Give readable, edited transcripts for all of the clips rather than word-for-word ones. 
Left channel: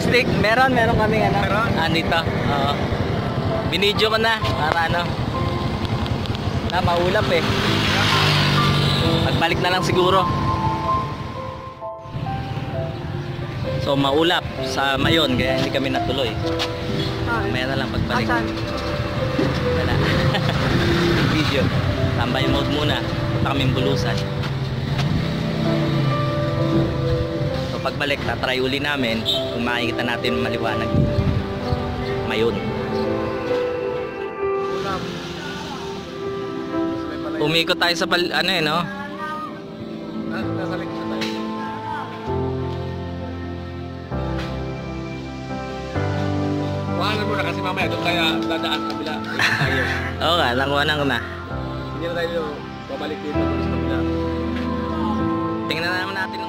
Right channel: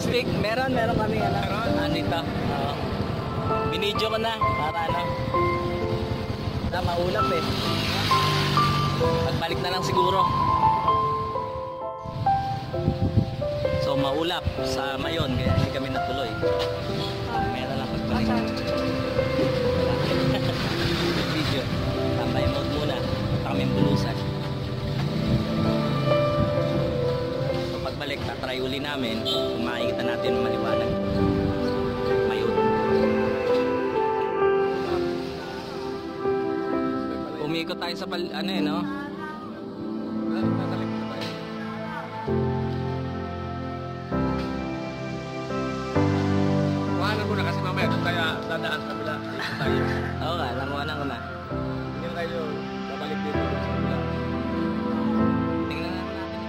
stick. Meron kaming ano. Meron? Dito. Oo. Binidyo ko na para ano. Maulap eh. Pagbalik na lang siguro. So maulap sa Mayon kaya hindi kami natuloy. Maya na lang pagbalik. Wala. Video. Tambay mode muna. Punta kaming Bulusan. So pagbalik, tatry uli namin kung makikita natin maliwanag Mayon. Umikot tayo sa ano eh, no? Nasa likod na tayo. Kuhanan mo na kasi mamaya doon kaya dadaan kabila. Oo nga, nakuhanan ko na. Hindi na tayo babalik dito doon sa kabila. Tingnan naman natin.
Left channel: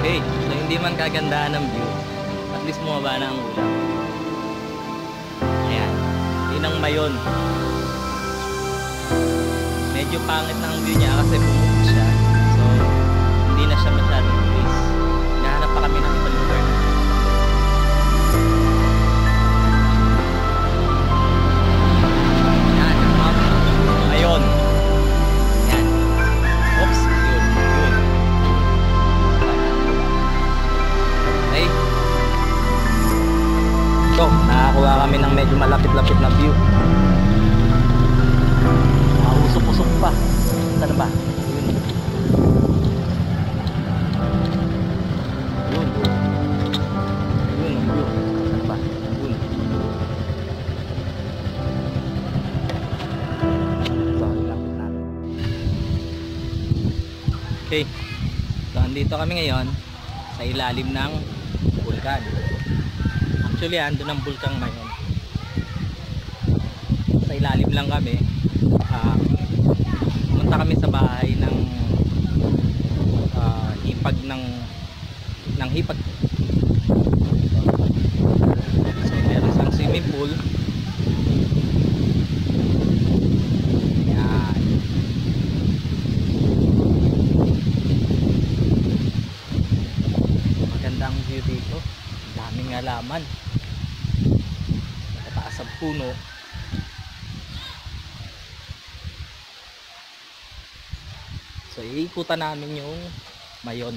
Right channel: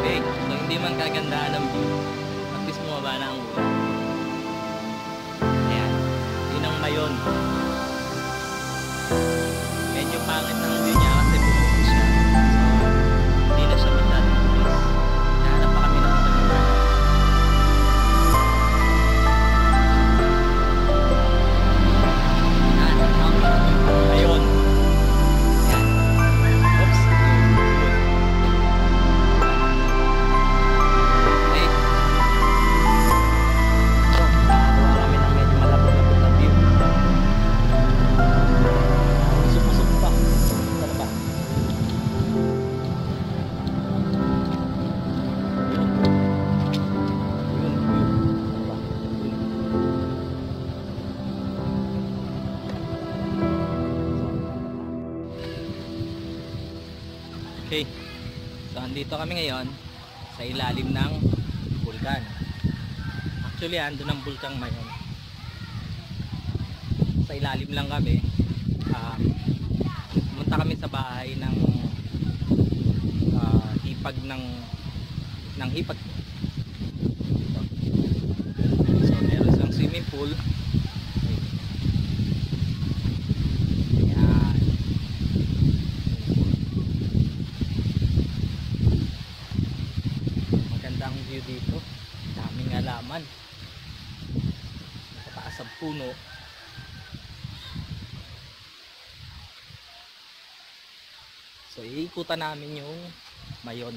Okay, so hindi man kagandahan ng view, at least bumaba na ang ulan. Ayan, yun ang Mayon. Medyo pangit na ang view niya kasi bumukod siya. So, hindi na siya masyadong tulis. Nahanap pa kami ng ibang lugar na. Mayon. Yan. Oops. Yun. Okay. So, nakakuha kami ng medyo malapit-lapit na view. Usok-usok pa. Saan ba? Yun. Yun ang view. Saan ba? Yun. So, lapit natin. Okay. So, andito kami ngayon sa ilalim ng bulkan. Actually, andun ang bulkang Mayon. Sa ilalim lang kami. Pumunta kami sa bahay ng hipag ng hipag. So meron isang swimming pool. Ayan. Magandang view dito. Daming halaman. Nakataas ang puno. So iikutan namin yung Mayon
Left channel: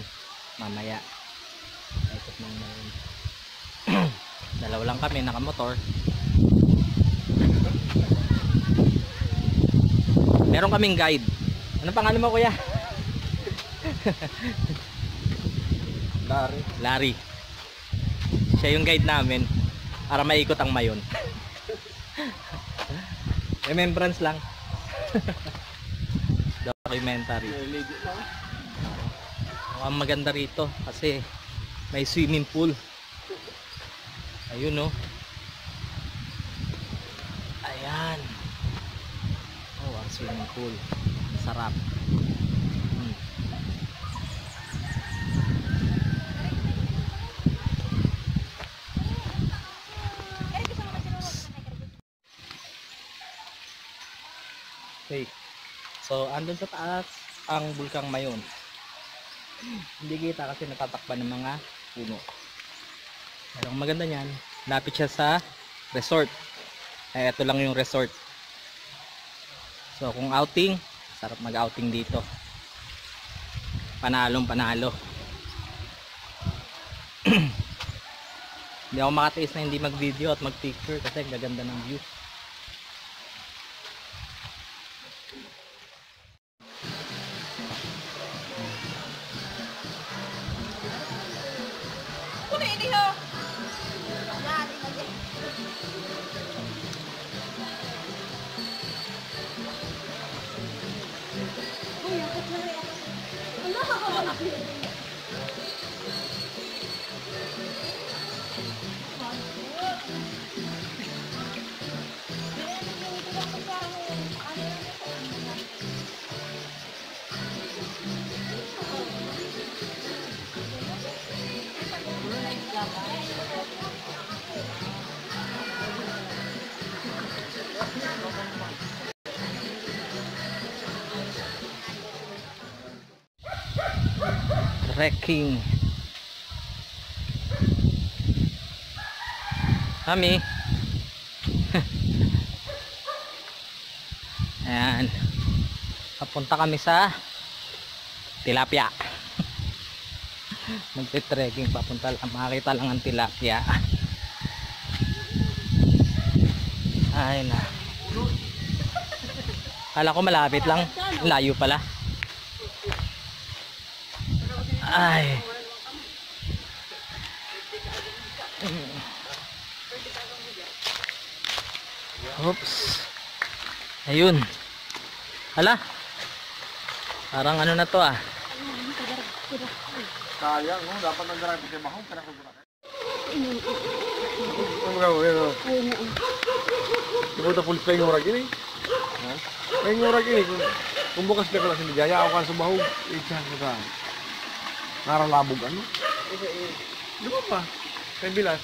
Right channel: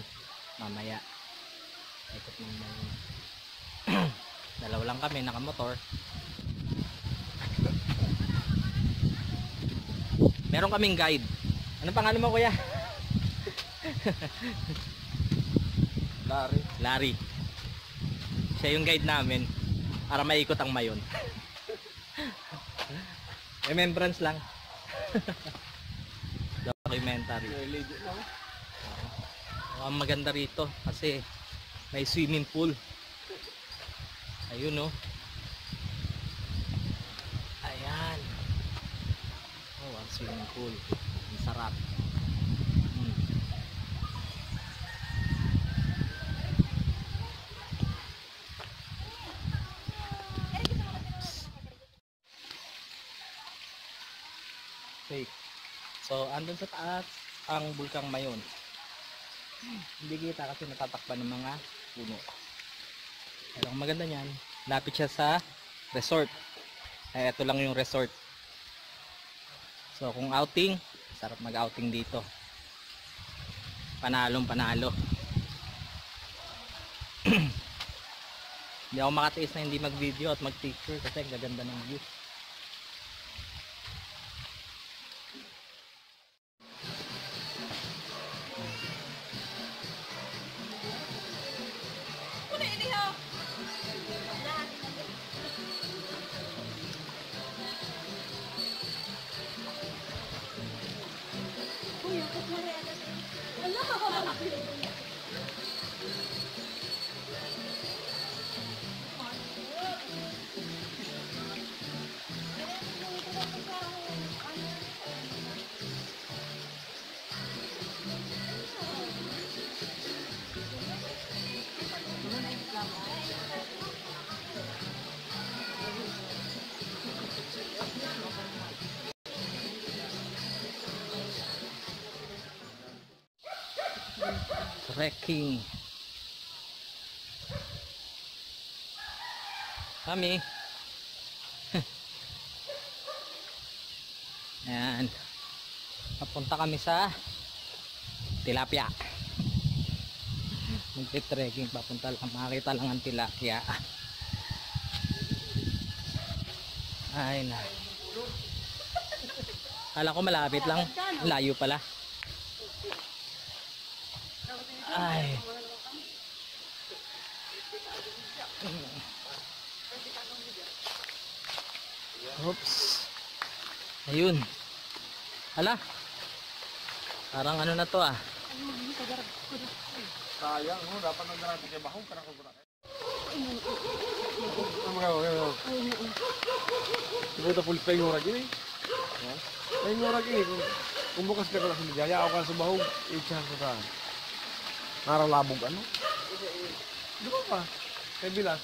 mamaya. Ikot ng Mayon. Dalawa lang kami nakamotor. Meron kaming guide. Ano pangalan mo, kuya? Larry. Siya yung guide namin para maikot ang Mayon. Remembrance lang. Documentary. Ang maganda rito kasi may swimming pool. Ayun, no. Ayan. Oh, ang swimming pool. Ang sarap. Okay. So, andun sa taas ang bulkang Mayon. Hindi kita kasi natatakpan ng mga puno. Pero ang maganda niyan, lapit siya sa resort. Ay, ito lang yung resort. So, kung outing, sarap mag-outing dito. Panalong panalo. Hindi ako makatiis na hindi mag-video at mag-picture kasi ang gaganda ng view. Trekking. Mami. Ayan. Papunta kami sa tilapia. Magte-trekking papunta lang. Makakita lang ang tilapia. Ay na. Kala ko malapit lang. Layo pala. Ay. Oops. Ayun. Hala. Parang ano na to ah. Sayang, no? Dapat nag-drive ko kay Mahong. Kaya ko gurakan. Ano gawin, no? Di ba ito pulis pa yung urag ini? Ha? Pa yung urag ini. Kung bukas na ko lang sinigaya, ako kan sa Mahong. Itsa ko ka. Naralabog ano? Di ba pa? Kay Bilas.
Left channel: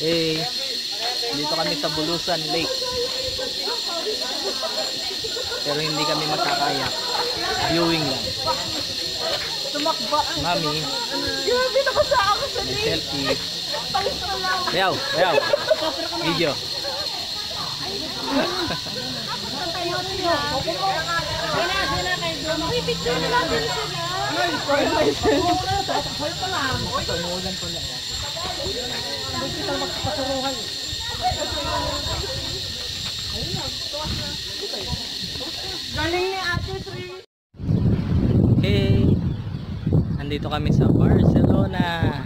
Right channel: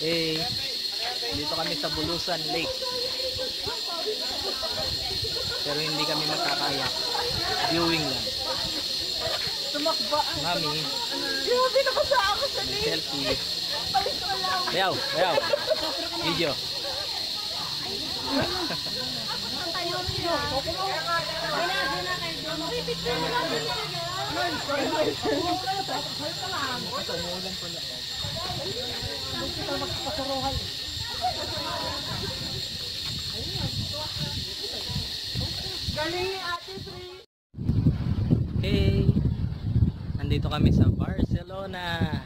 Eh, dito kami sa Bulusan Lake. Pero hindi kami magkakayak. Viewing lang. Mami, may selfie. Bayaw, bayaw. Video. Umuulan ko lang. Hey, andito kami sa Barcelona.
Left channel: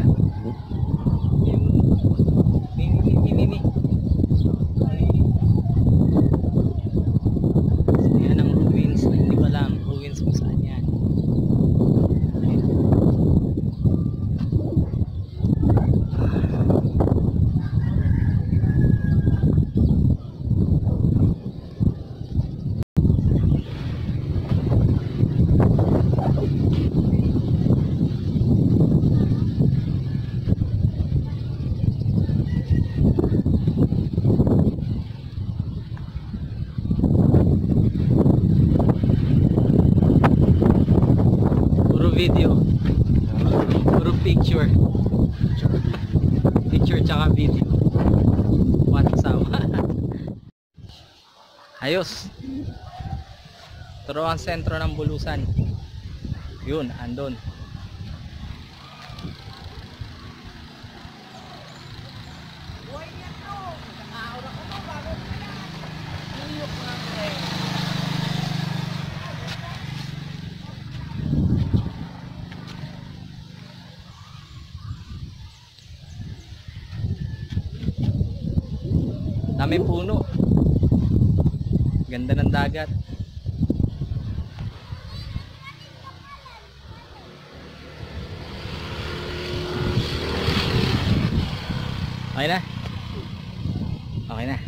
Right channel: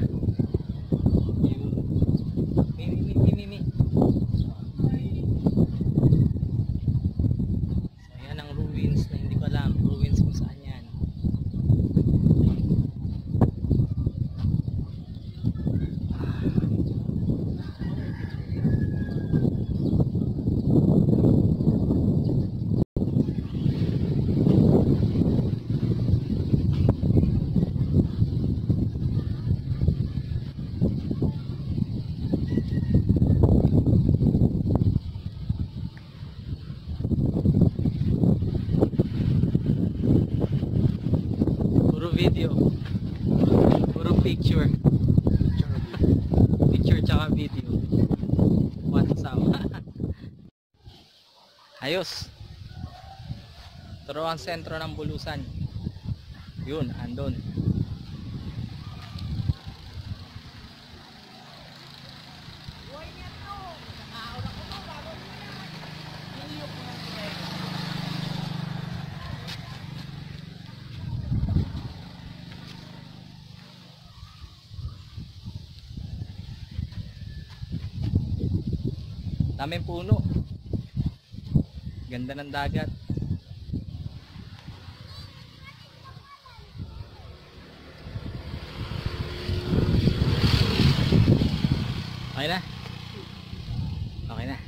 Mimi. Ayan ang ruins na hindi ko alam. Ruins kung saan yan. Video, puro picture. Picture tsaka video. WhatsApp. Ayos. Pero ang sentro ng Bulusan. Yun, andon. Daming puno. Ganda ng dagat. Okay na. Okay na.